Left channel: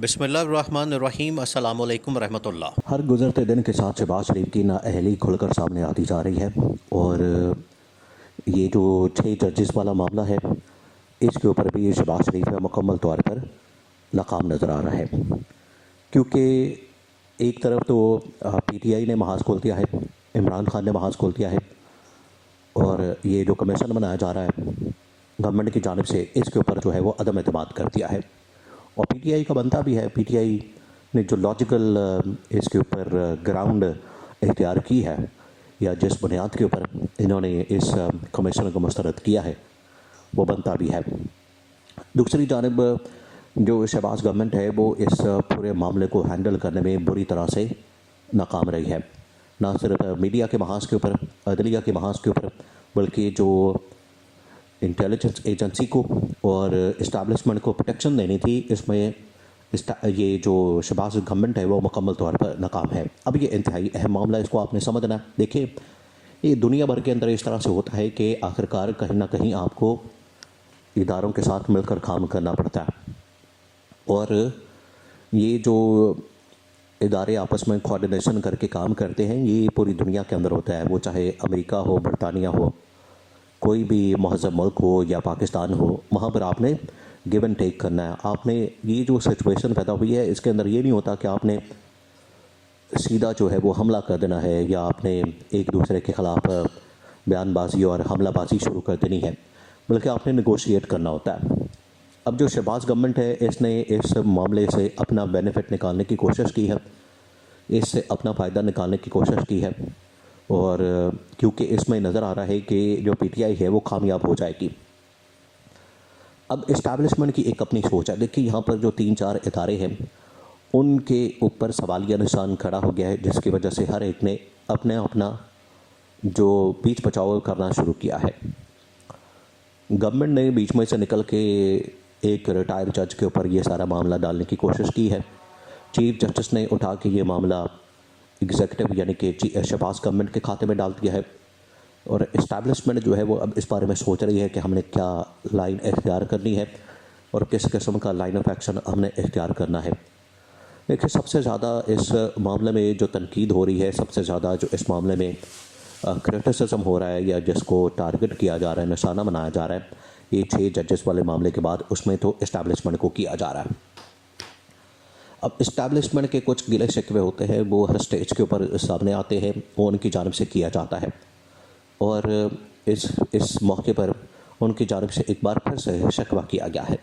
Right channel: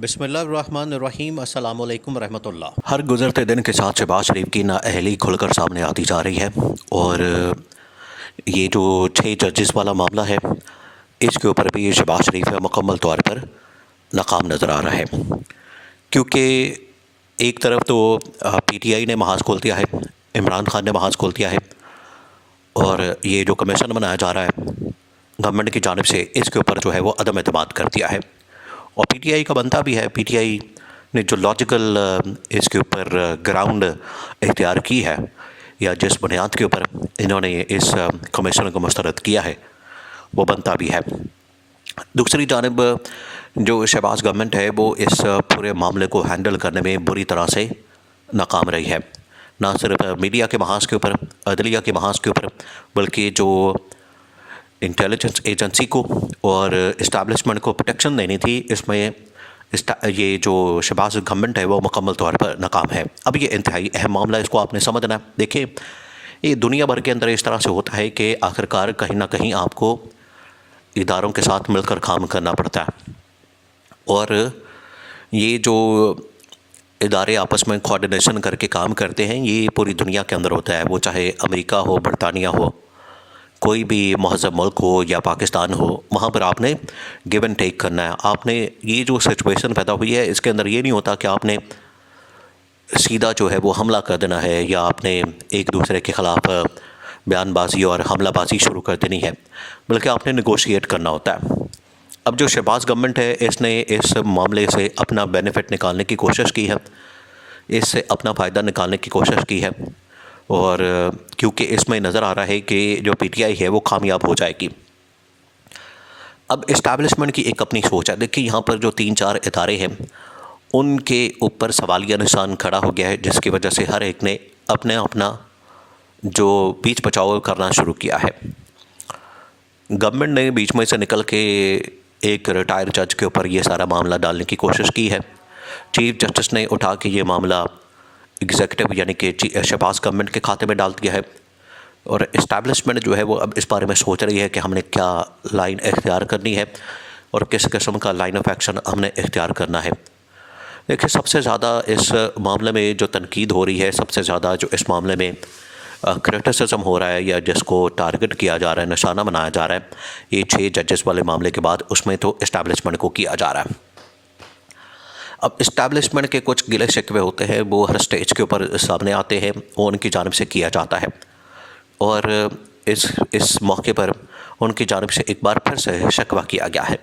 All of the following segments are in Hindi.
बिस्मिल्लाहिर्रहमानिर्रहीम अस्सलामु अलैकुम रहमतुल्लाह। हर गुज़रते दिन के साथ शहबाज शरीफ की नाअहली खुलकर सामने आती जा रही है और ये जो 6 जजेस वाला मामला है, इसके ऊपर भी शहबाज शरीफ मुकम्मल तौर पर नाकाम नज़र आ रहा है। क्योंकि एक तरफ तो पीटीआई ने महाज खोल दिया है, इमरान खान ने महाज खोल दिया है और ये जो कमीशन बनाया जा रहा है गवर्नमेंट की जानिब से, इसके ऊपर जो है वो अदम एतमाद कर दिया है। और पीटीआई का बनता भी है। पीटीआई ने जो लॉजिकल इसके ऊपर ग्राउंड इख्तियार की है या जिस बुनियाद के ऊपर इन्होंने इस कमीशन को मुस्तरद किया है, वो बनता भी है। दूसरी जानिब जो शहबाज गवर्नमेंट है वो इस पूरे मामले को हैंडल करने में बुरी तरह से नाकाम रही है। ना सिर्फ मीडिया के महाज के ऊपर, अदलिया के महाज के ऊपर, बल्कि जो इंटेलिजेंस एजेंसी को और इस्टेब्लिशमेंट को प्रोटेक्शन देनी थी, इसमें ये जो शहबाज गवर्नमेंट है वो मुकम्मल तौर पर नाकाम है। अब ये इंतहाई अहम मामला है, इसको आपने समझना है। देखिए, ये दुनिया भर के अंदर इस तरह से होता है कि आखिरकार कहीं ना कहीं आपको इदारों के साथ मिलकर काम करना पड़ता है और ये जो इदारे आपस में कोऑर्डिनेशन करके काम करते हैं, ये पूरी दुनिया के अंदर होता है। वो चाहे अमेरिका हो, बरतानिया हो, कोई भी महज़ब मुल्क हो या पाकिस्तान हो, वहाँ पर आपने गिव एंड टेक करना है। आपने ये जो सिचुएशन पैदा हुई है, इसके अंदर ये नहीं होता कि आपने सीधा जो है वो हमला कर देना है या आपने एक दूसरे के ख़िलाफ़ बयानबाजी और हमलाबाजी शुरू कर देनी है, बल्कि आपने नेगोशिएट करना होता है। अब जो शहबाज गवर्नमेंट है, इसने इस मामले से अपना बेनिफिट निकालने की कोशिश की है, इससे अपना फ़ायदा निकालने की कोशिश की है और क्योंकि इसमें नज़र आ रहा है कि जो पीटीआई है वो कामयाब हो जाएगी। अब इस्टेब्लिशमेंट की एक अपनी सोच है। देखिए, यहाँ पर जो 3-4 इदारे हैं उनके ऊपर सवालिया निशान खड़ा हो गया है, जिसकी वजह से हर एक ने अपना जो बीच बचाव करना शुरू किया है। गवर्नमेंट ने बीच में से निकल के एक रिटायर्ड जज के ऊपर ये सारा मामला डालने की कोशिश की है। चीफ जस्टिस ने उठा के ये मामला एग्जीक्यूटिव यानी कि शहबाज गवर्नमेंट के खाते में डाल दिया है और इस्टेब्लिशमेंट जो है वो अब इस बारे में सोच रही है कि हमने क्या लाइन इख्तियार करनी है और किस किस्म का लाइन ऑफ एक्शन हमने इख्तियार करना है। देखिए, सबसे ज़्यादा इस मामले में जो तनकीद हो रही है, सबसे ज़्यादा जो इस मामले में क्रिटिसिज्म हो रहा है या जिसको टारगेट किया जा रहा है, निशाना बनाया जा रहा है, ये 6 जजेस वाले मामले के बाद उसमें तो इस्टेब्लिशमेंट को किया जा रहा है। अब इस्टेब्लिशमेंट के कुछ गिले शिकवे होते हैं, वो हर स्टेज के ऊपर सामने आते हैं, वो उनकी जानिब से किया जाता है और इस मौके पर उनकी जानिब से एक बार फिर से शिकवा किया गया है।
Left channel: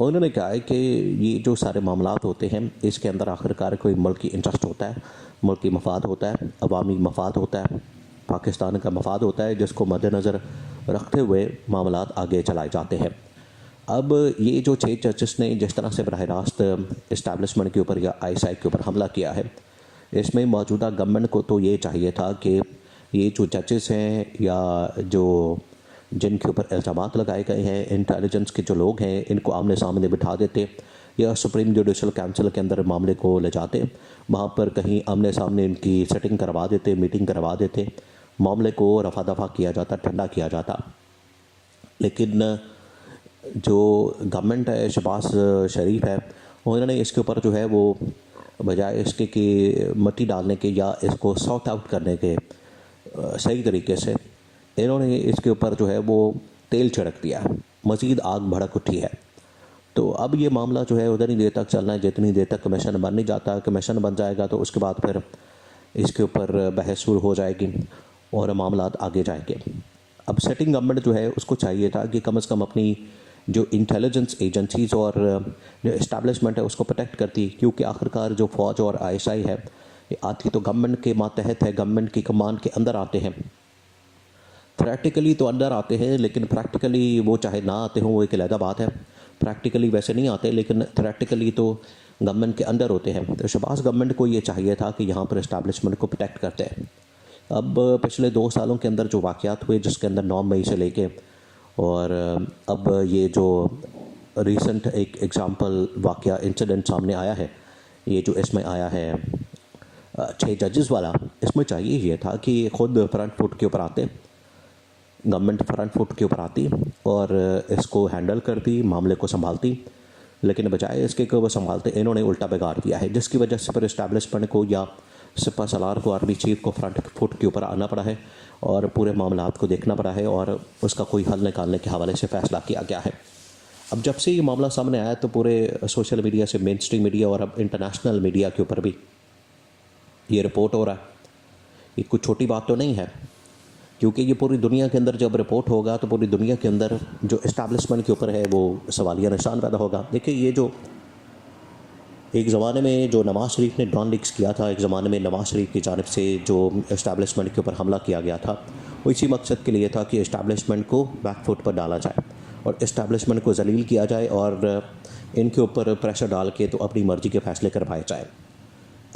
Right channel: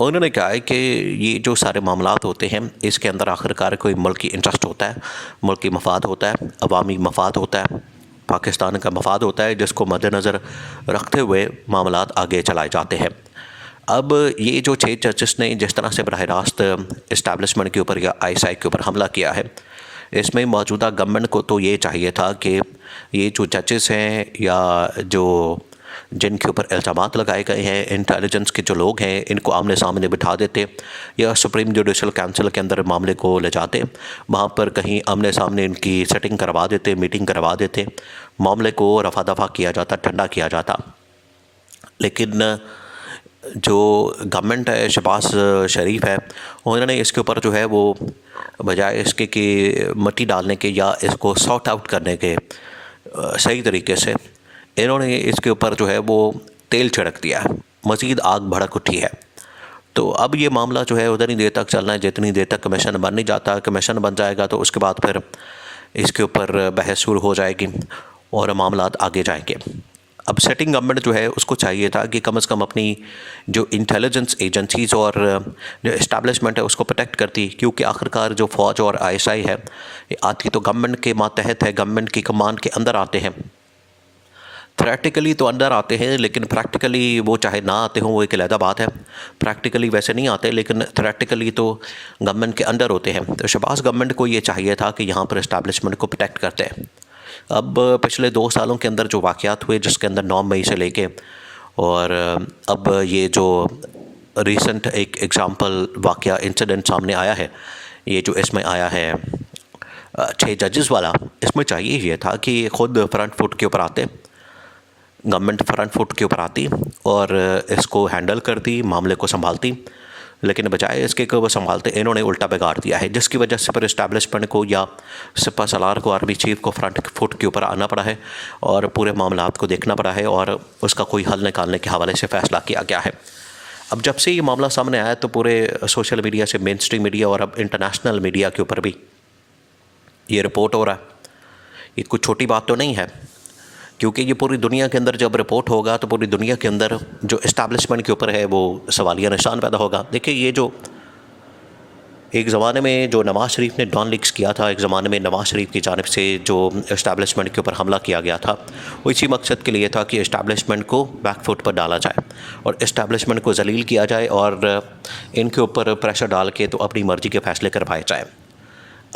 उन्होंने कहा है कि ये जो सारे मामलात होते हैं, इसके अंदर आखिरकार कोई मुल्की इंटरेस्ट होता है, मुल्की मफाद होता है, अवामी मफाद होता है, पाकिस्तान का मफाद होता है, जिसको मद्देनज़र रखते हुए मामलात आगे चलाए जाते हैं। अब ये जो 6 जजेस ने जिस तरह से बराह रास्त इस्टेब्लिशमेंट के ऊपर या आईएसआई के ऊपर हमला किया है, इसमें मौजूदा गवर्नमेंट को तो ये चाहिए था कि ये जो जजेस हैं या जो जिनके ऊपर इल्ज़ामात लगाए गए हैं, इंटेलिजेंस के जो लोग हैं, इनको आमने सामने बिठा देते या सुप्रीम जुडिशल काउंसिल के अंदर मामले को ले जाते, वहाँ पर कहीं आमने सामने इनकी सेटिंग करवा देते, मीटिंग करवा देते, मामले को रफा दफा किया जाता, ठंडा किया जाता। लेकिन जो गवर्नमेंट है, शहबाज शरीफ है, उन्होंने इसके ऊपर जो है वो बजाय इसके कि मट्टी डालने के या इसको सॉर्ट आउट करने के सही तरीके से, इन्होंने इसके ऊपर जो है वो तेल छिड़क दिया है, मज़ीद आग भड़क उठी है। तो अब ये मामला जो है उतनी देर तक चलना है जितनी देर तक कमीशन बन नहीं जाता। कमीशन बन जाएगा तो उसके बाद फिर इसके ऊपर बहस शुरू हो जाएगी और मामलात आगे जाएंगे। अब सेटिंग गवर्नमेंट जो है उसको चाहिए था कि कम से कम अपनी जो इंटेलिजेंस एजेंसीज़ और जो इस्टेब्लिशमेंट है उसको प्रोटेक्ट करती, क्योंकि आखिरकार जो फ़ौज और आईएसआई है ये आती तो गवर्नमेंट के मातहत है, गवर्नमेंट की कमान के अंदर आते हैं। थ्योरेटिकली तो अंदर आते हैं, लेकिन प्रैक्टिकली वो चाहे ना आते हों, वो एक अलग बात है। प्रैक्टिकली वैसे नहीं आते, लेकिन थ्योरेटिकली तो गवर्नमेंट के अंदर होते हैं। तो शहबाज गवर्नमेंट को ये चाहिए था कि यहाँ पर इस्टेब्लिशमेंट को प्रोटेक्ट करते हैं। अब पिछले 2 सालों के अंदर जो वाक़यात हुए, जिसके अंदर 9 मई से लेके और अब ये जो रिसेंट एक एग्ज़ाम्पल वाक़या इंसिडेंट सामने आया है, ये जो इसमें आया है 6 जजेस वाला, इसमें चाहिए ये था कि ख़ुद फ्रंट फुट के ऊपर आते, गवर्नमेंट फ्रंट फुट के ऊपर आती और इसको हैंडल करती, मामले को संभालती, लेकिन बजाय इसके कि वो संभालते इन्होंने उल्टा बिगाड़ दिया है, जिसकी वजह से फिर इस्टेब्लिशमेंट को या सिपा सलार को, आर्मी चीफ को फ्रंट फुट के ऊपर आना पड़ा है और पूरे मामलात को देखना पड़ा है और उसका कोई हल निकालने के हवाले से फ़ैसला किया गया है। अब जब से ये मामला सामने आया तो पूरे सोशल मीडिया से मेन स्ट्रीम मीडिया और अब इंटरनेशनल मीडिया के ऊपर भी ये रिपोर्ट हो रहा है। ये कुछ छोटी बात तो नहीं है, क्योंकि ये पूरी दुनिया के अंदर जब रिपोर्ट होगा तो पूरी दुनिया के अंदर जो इस्टेब्लिशमेंट के ऊपर है वो सवालिया निशान पैदा होगा। देखिए, ये जो एक ज़माने में जो नवाज़ शरीफ ने डॉन लीक्स किया था, एक ज़माने में नवाज़ शरीफ की जानिब से जो इस्टेब्लिशमेंट के ऊपर हमला किया गया था, वो इसी मकसद के लिए था कि इस्टेब्लिशमेंट को बैकफुट पर डाला जाए और इस्टेब्लिशमेंट को जलील किया जाए और इनके ऊपर प्रेशर डाल के तो अपनी मर्ज़ी के फ़ैसले करवाए जाए।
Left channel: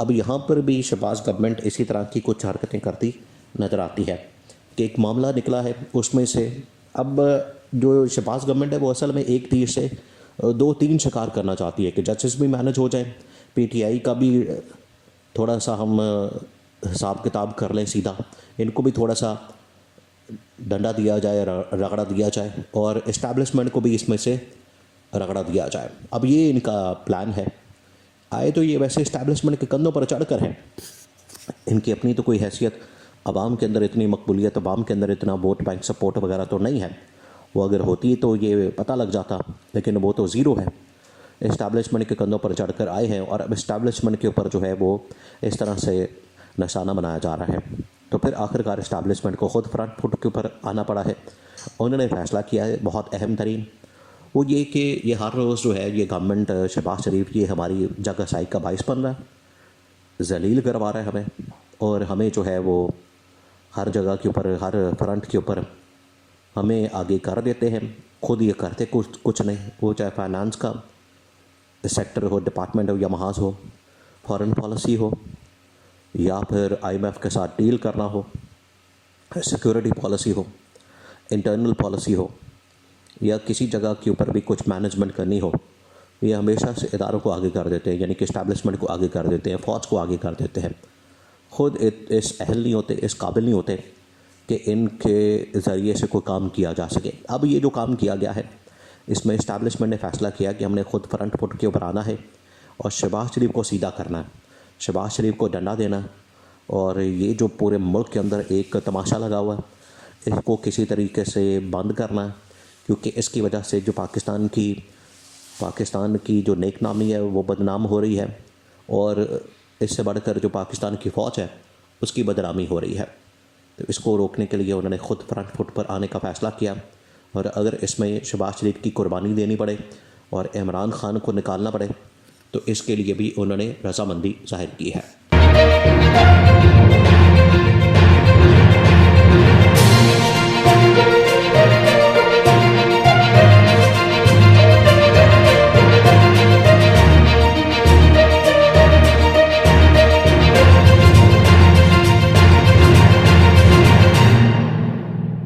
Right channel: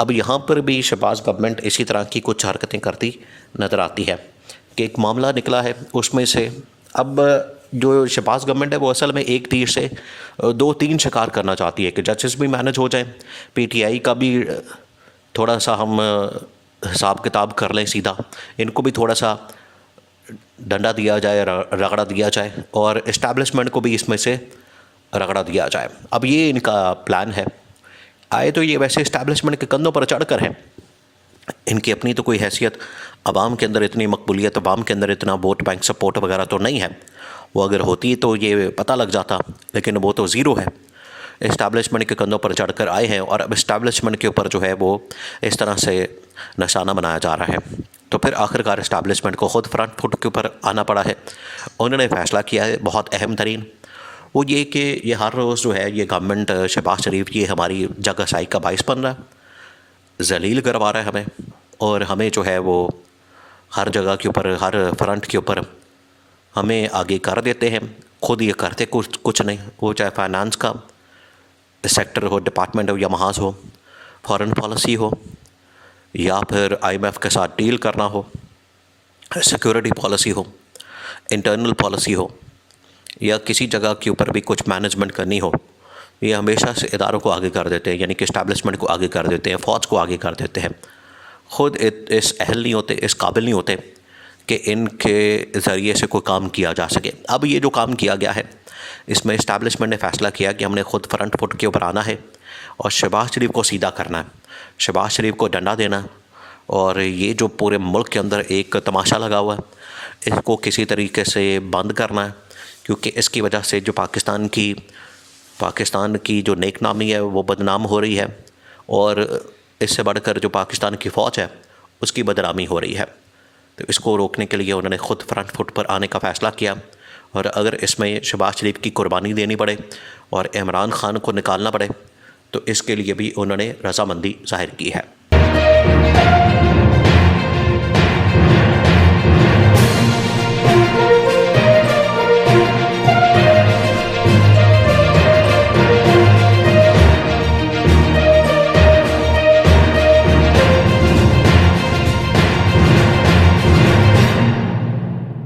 अब यहाँ पर भी शहबाज गवर्नमेंट इसी तरह की कुछ हरकतें करती नज़र आती है कि एक मामला निकला है, उसमें से अब जो शहबाज गवर्नमेंट है वो असल में एक तीर से 2-3 शिकार करना चाहती है कि जजेस भी मैनेज हो जाएं, पीटीआई का भी थोड़ा सा हम हिसाब किताब कर लें सीधा, इनको भी थोड़ा सा डंडा दिया जाए, रगड़ा दिया जाए और इस्टेब्लिशमेंट को भी इसमें से रगड़ा दिया जाए। अब ये इनका प्लान है। आए तो ये वैसे इस्टेब्लिशमेंट के कंधों पर चढ़कर है, इनकी अपनी तो कोई हैसियत, अवाम के अंदर इतनी मकबूलियत, अवाम के अंदर इतना वोट बैंक सपोर्ट वगैरह तो नहीं है। वो अगर होती तो ये पता लग जाता, लेकिन वो तो ज़ीरो है। इस्टेब्लिशमेंट के कंधों पर चढ़कर आए हैं और अब इस्टेब्लिशमेंट के ऊपर जो है वो इस तरह से निशाना बनाया जा रहा है। तो फिर आखिरकार इस्टेब्लिशमेंट को ख़ुद फ्रंट फुट के ऊपर आना पड़ा है। उन्होंने फ़ैसला किया है बहुत अहम तरीन, वो ये कि ये हर रोज़ जो है ये गवर्नमेंट शहबाज शरीफ ये हमारी जगहसाई का बाइस बन रहा है, जलील करवा रहा है हमें, और हमें जो है वो हर जगह के ऊपर, हर फ्रंट के ऊपर हमें आगे कर देते हैं। खुद ये करते कुछ नहीं, वो चाहे फाइनेंस का सेक्टर हो, डिपार्टमेंट हो या महाज हो, फॉरेन पॉलिसी हो या फिर IMF के साथ डील करना हो, सिक्योरिटी पॉलिसी हो, इंटरनल पॉलिसी हो या किसी जगह के ऊपर भी कुछ मैनेजमेंट करनी हो, ये हमेशा से इदारों को आगे कर देते हैं, यानी कि इस्टेब्लिशमेंट को आगे कर देते हैं, फ़ौज को आगे कर देते हैं। ख़ुद इस अहल नहीं होते, इस काबिल नहीं होते कि इनके ज़रिए से कोई काम किया जा सके। अब ये जो काम किया गया है इसमें इस्टेब्लिशमेंट ने फ़ैसला किया कि हमने ख़ुद फ्रंट फुट के ऊपर आना है और शहबाज शरीफ को सीधा करना है, शहबाज शरीफ को डंडा देना, और ये जो पूरे मुल्क के अंदर एक तमाशा लगा हुआ है इसको किसी तरीके से बंद करना है, क्योंकि इसकी वजह से जो पाकिस्तान की जो नेक नामी है वो बदनाम हो रही है और इससे बढ़कर जो पाकिस्तान की फ़ौज है उसकी बदनामी हो रही है। तो इसको रोकने के लिए उन्होंने ख़ुद फ्रंट फुट पर आने का फ़ैसला किया, और अगर इसमें शहबाज शरीफ की कुर्बानी देनी पड़े और इमरान खान को निकालना पड़े तो इसके लिए भी उन्होंने रज़ामंदी ज़ाहिर की है।